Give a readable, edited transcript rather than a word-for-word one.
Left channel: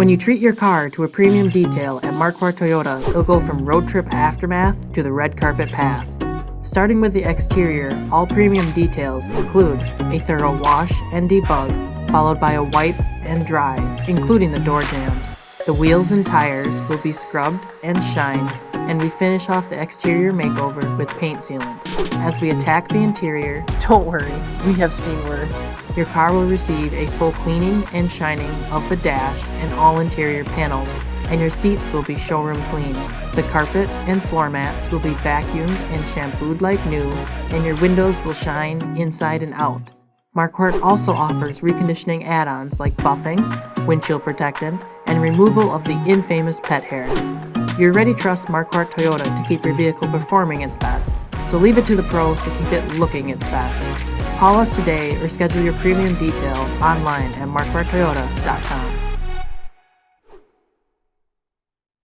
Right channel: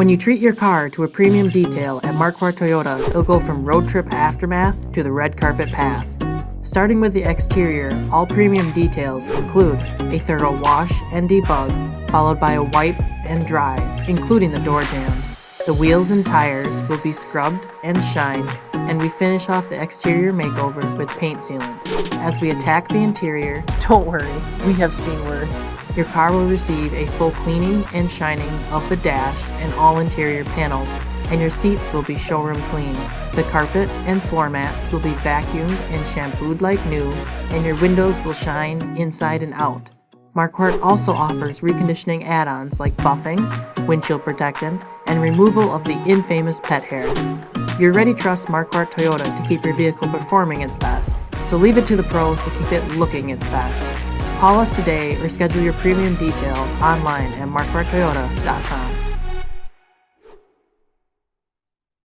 When you treat your car to a premium detail at Markquart Toyota, you'll go from road trip aftermath to the red carpet path. Starting with the exterior, all premium details include a thorough wash and debug, followed by a wipe and dry, including the door jambs. The wheels and tires will be scrubbed and shined, and we finish off the exterior makeover with paint sealant. As we attack the interior, don't worry, we have seen worse. Your car will receive a full cleaning and shining of the dash and all interior panels, and your seats will be showroom clean. The carpet and floor mats will be vacuumed and shampooed like new, and your windows will shine inside and out. Markquart also offers reconditioning add-ons like buffing, windshield protectant, and removal of the infamous pet hair. You're ready to trust Markquart Toyota to keep your vehicle performing its best. So leave it to the pros to keep it looking its best. Call us today or schedule your premium detail online at markquarttoyota.com.